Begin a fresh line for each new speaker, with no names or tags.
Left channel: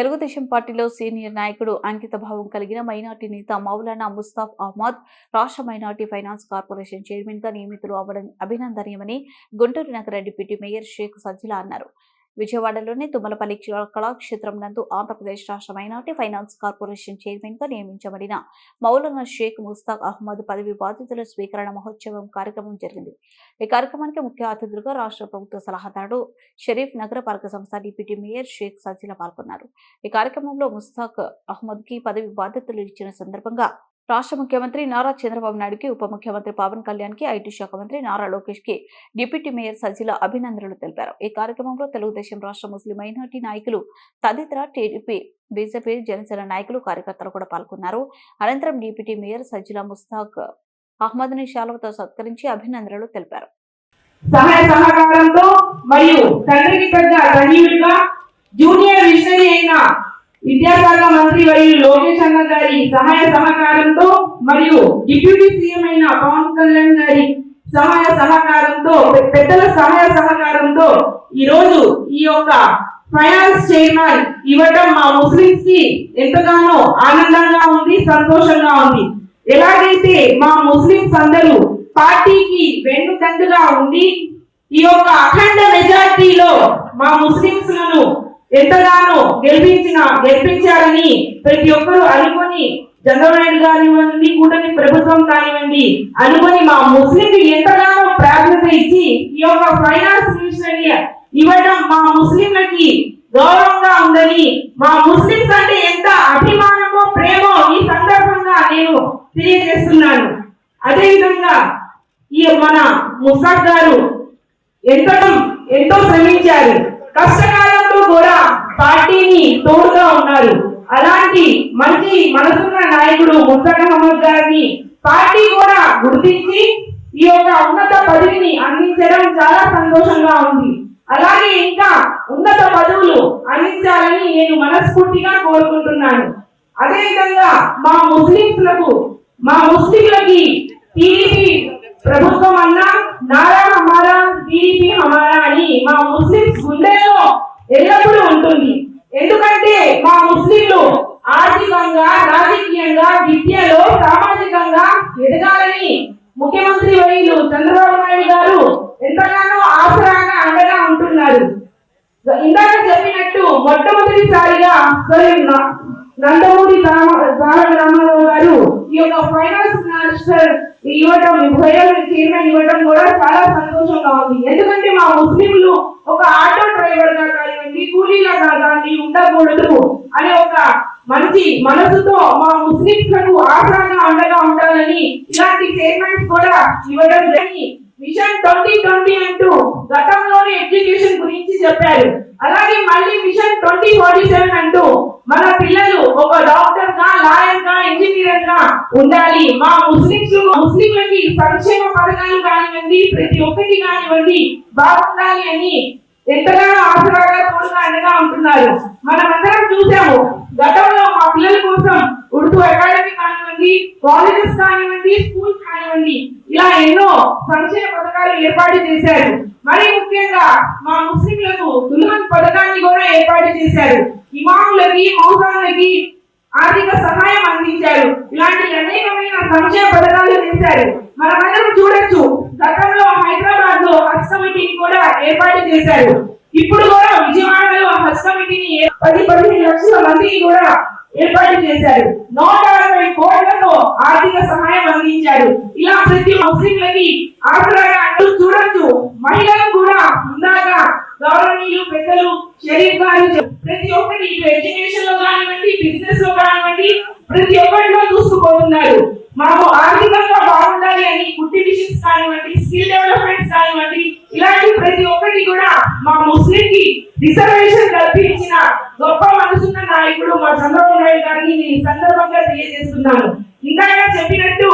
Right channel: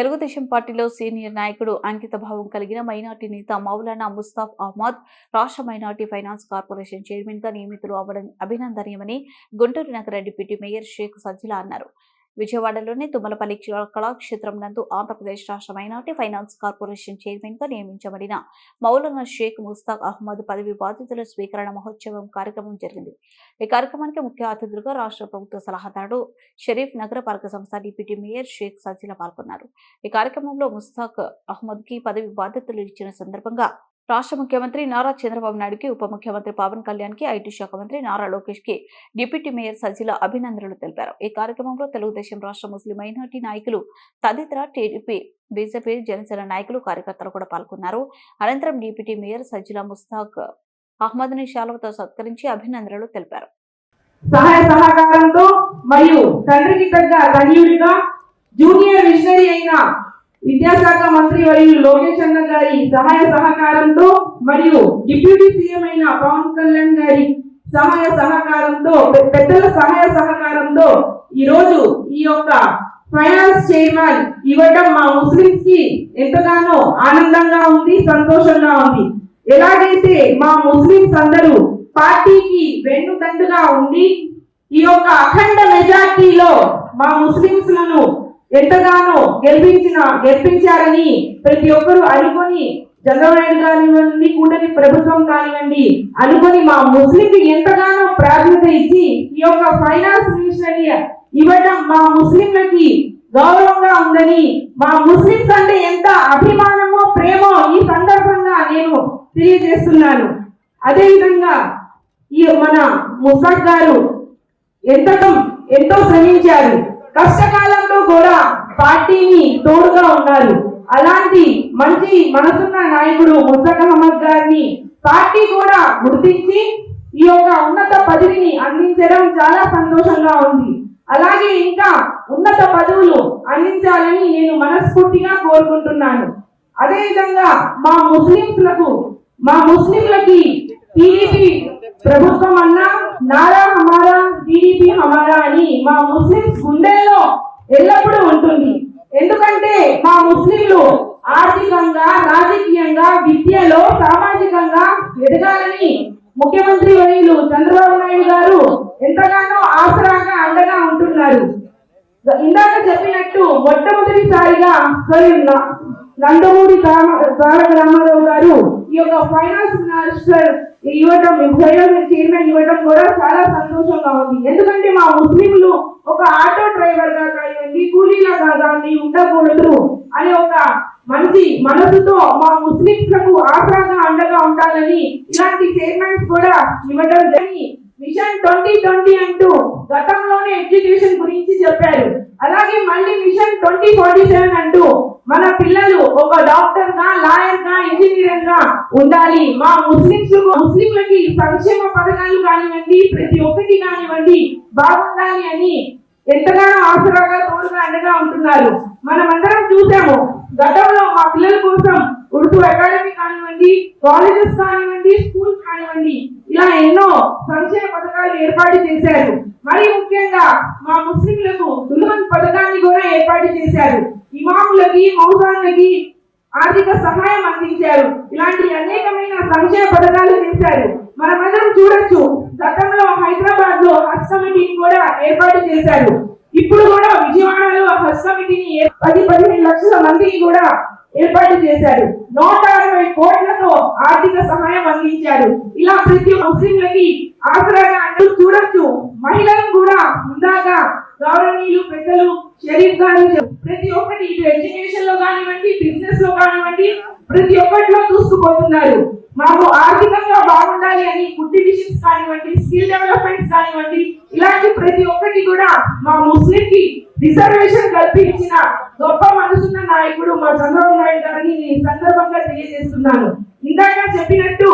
తెలుగుదేశం పార్టీలో సీనియర్ నాయకుడు అంకిత భావం కలిగిన మైనార్టీ నేత మౌలానా ముస్తాఫ్ అహ్మద్ రాష్ట్ర మైనార్టీ ఫైనాన్స్ కార్పొరేషన్ చైర్మన్గా నియమితులు అవ్వడం అభినందనీయమని గుంటూరు నగర డిప్యూటీ మేయర్ షేక్ సజ్జిలా అన్నారు. విజయవాడలోని తుమ్మలపల్లి కళాక్షేత్రం నందు ఆంధ్రప్రదేశ్ రాష్ట్ర మైనార్టీ ఫైనాన్స్ కార్పొరేషన్ చైర్మన్గా నియమించబడిన మౌలానా షేక్ ముస్తాక్ అహ్మద్ పదవి బాధ్యతల స్వీకరణ మహోత్సవం కార్యక్రమం జరిగింది. ఈ కార్యక్రమానికి ముఖ్య అతిథులుగా రాష్ట్ర ప్రభుత్వ సలహాదారుడు షరీఫ్ నగరపాలక సంస్థ డిప్యూటీ మేయర్ షేక్ సజీల పాల్గొన్నారు. ఈ కార్యక్రమంలో ముస్తాక్ అహ్మద్కి పదవి బాధ్యతలు ఇచ్చిన సందర్భంగా రాష్ట్ర ముఖ్యమంత్రి నారా చంద్రబాబు నాయుడుకి ఉప ముఖ్యమంత్రి పవన్ కళ్యాణ్కి ఐటీ శాఖ మంత్రి నారా లోకేష్కి డిప్యూటీ మేయర్ సజిల అభినందనలు తెలిపారు. ఈ కార్యక్రమంలో తెలుగుదేశం రాష్ట్ర ముస్లిం మైనార్టీ నాయకులు తదితర టీడీపీ బీజేపీ జనసేన నాయకులు కార్యకర్తలు కూడా పాల్గొన్నారు. అనంతరం డిప్యూటీ మేయర్ సజిల ముస్తాక్ అహ్మద్ని శాలువతో సత్కరించి అభినందనలు తెలిపారు.
సహాయ సహకారంతో మరియు తండ్రికి తగ్గ తనయుడిగా జూనియర్ మిషనరీ అయిన విద్యాశాఖ మంత్రి మరియు లోకేష్ అన్న గారి సహాయ సహకారంతో మరియు డిప్యూటీ సీఎం అయిన పవన్ కళ్యాణ్ గారి సహాయ సహకారంతో పెద్దల సహాయ సహకారంతో ఈ రోజు ఈ యొక్క ఫైనాన్స్ చైర్మన్ ఇవ్వడం మా ముస్లింస్కి ఎంతగానో ఆనందంగా ఉంది సంతోషంగా ఉంది. ఎలాగైతే మా ముస్లింస్ అందరూ పార్టీకి వెన్నుదండుగా ఉండి ఈ యొక్క అఖండ మెజార్టీలో మా ముస్లింస్లను ఎంతగానో గెలిపించిన గెలిపించారని ప్రతి ఒక్కరూ అనుకొని చంద్రబాబు కానివ్వండి కూటమి ప్రభుత్వం కానివ్వండి అనుకొని మా ముస్లింకి ఎంతగానో ప్రాధాన్యత ఇచ్చి ఈ యొక్క ఫైనాన్స్ మినిస్టర్ ఇవ్వడం మా ముస్లింలకి గౌరవంగా ఉందని మా ముస్లింస్ అంటే ఎంత అభిమానమో ప్రేమో ఈ సందర్భంగా నేను తెలియజేస్తున్నాను. అదేవిధంగా ఈ మన ముసాక్ గారు ఎంతటం ఎంతో శ్రమించారు. కష్టకాలంలో కూడా పార్టీని తోడుగా ఉన్నారు. అలాంటి మంచి మనసున్న నాయకుడు ముస్తక్ అహ్మద్ గారిని పార్టీ కూడా గుర్తించి ఈ యొక్క ఉన్నత పదవిని అందించడం చాలా సంతోషంగా ఉంది. అలాగే ఇంకా ఉన్నత పదవులు అందించాలని నేను మనస్ఫూర్తిగా కోరుకుంటున్నాను. అదేవిధంగా మా ముస్లింలకు మా ముస్లిం టీడీపీ ప్రభుత్వం అన్నా నారా హమారా టీడీపీ హమారా అని మా ముస్లింస్ గుండెల్లో ఎల్లప్పుడూ ఉంటుంది ఎందుకంటే మా ముస్లింలు ఆర్థికంగా రాజకీయంగా విద్యలో సామాజికంగా ఎదగాలని ముఖ్యమంత్రి వర్యులు చంద్రబాబు నాయుడు గారు ఎంతగానో ఆసరాగా అండగా ఉంటున్నారు ఇందాక చెప్పినట్టు మొట్టమొదటిసారిగా మరి నందమూరి తారక రామారావు గారు ఈ యొక్క ఫైనాన్స్ మినిస్టర్ ఇవ్వటం ఫైనాన్స్ చైర్మన్ ఇవ్వటం కూడా చాలా సంతోషంగా ఉంది. ఎందుకంటే మా ముస్లింలు ఒక ఆటో డ్రైవర్గా కానివ్వండి కూలీలాగా కానీ ఉండకూడదు అనే ఒక మంచి మనసుతో మా ముస్లింస్లకు ఆసరాగా అండగా ఉండాలని ఇలాంటి చైర్మన్స్ కూడా ఇవ్వడం జరిగి మిషన్ ట్వంటీ ట్వంటీ అంటూ గతంలోనే ఎడ్యుకేషన్ గురించి చెప్పారు. అలాగే మళ్ళీ మిషన్ ట్వంటీ ఫార్టీ సెవెన్ అంటూ మన పిల్లలు ఒక డాక్టర్గా లాయర్గా ఇంజనీర్గా ఉండాలి. మా ముస్లింస్ ముస్లింలకి సంక్షేమ పథకాలు కానివ్వండి ప్రతి ఒక్కటి కానివ్వండి బాగుండాలి అని ఎంతగానో అవసరంగా తోడుగా అండగా ఉంటున్నారు. మనమందరం చూసాము గతంలో మా పిల్లల కోసం ఉర్దూ అకాడమీ కానివ్వండి కాలేజెస్ కానివ్వండి స్కూల్స్ ఇలా ఎన్నో సంక్షేమ పథకాలు ఏర్పాటు చేశారు. మరి ముఖ్యంగా మా ముస్లింలకు దుల్హన్ పథకాన్ని కూడా ఏర్పాటు చేశారు. ఇమాములకి మౌజాన్లకి ఆర్థిక సహాయం అందించారు. ఇలాంటి అనేకమైన సంక్షేమ పథకాలు చేశారు. మనమందరం చూడొచ్చు గతంలో హైదరాబాద్లో హజ్ కమిటీని కూడా ఏర్పాటు చేశారు. ఇప్పుడు కూడా విజయవాడలో హజ్ కమిటీని పది పదిహేను లక్షల మందికి కూడా ఏర్పాటు చేశారు. నూట అరవై కోట్లతో ఆర్థిక సహాయం అందించారు. ఇలా ప్రతి ముస్లింలకి ఆసరాగా అంటూ చూడొచ్చు. మహిళలు కూడా ఇందాక గౌరవనీయులు పెద్దలు షరీఫ్ గారు ప్రతి ఒక్కటి ఇటు ఎడ్యుకేషన్లో కానివ్వండి బిజినెస్లో కానివ్వండి ప్రతి ఒక్కటిలో చూసుకుపోతున్నారు మాకు ఆర్థికంగా బాగుండాలి అని కుట్టి మిషన్స్ కానివ్వండి స్కిల్ డెవలప్మెంట్స్ కానివ్వండి ఇలాంటి ప్రతి ఒక్కటి కూడా మా ముస్లింకి రిజర్వేషన్ కల్పించిన గొప్ప మనసున్న నాయకుడు మా చంద్రబాబు నాయుడు గారిని ఈ సందర్భంగా తెలియజేస్తున్నాను. ఇందాక చెప్పినట్టు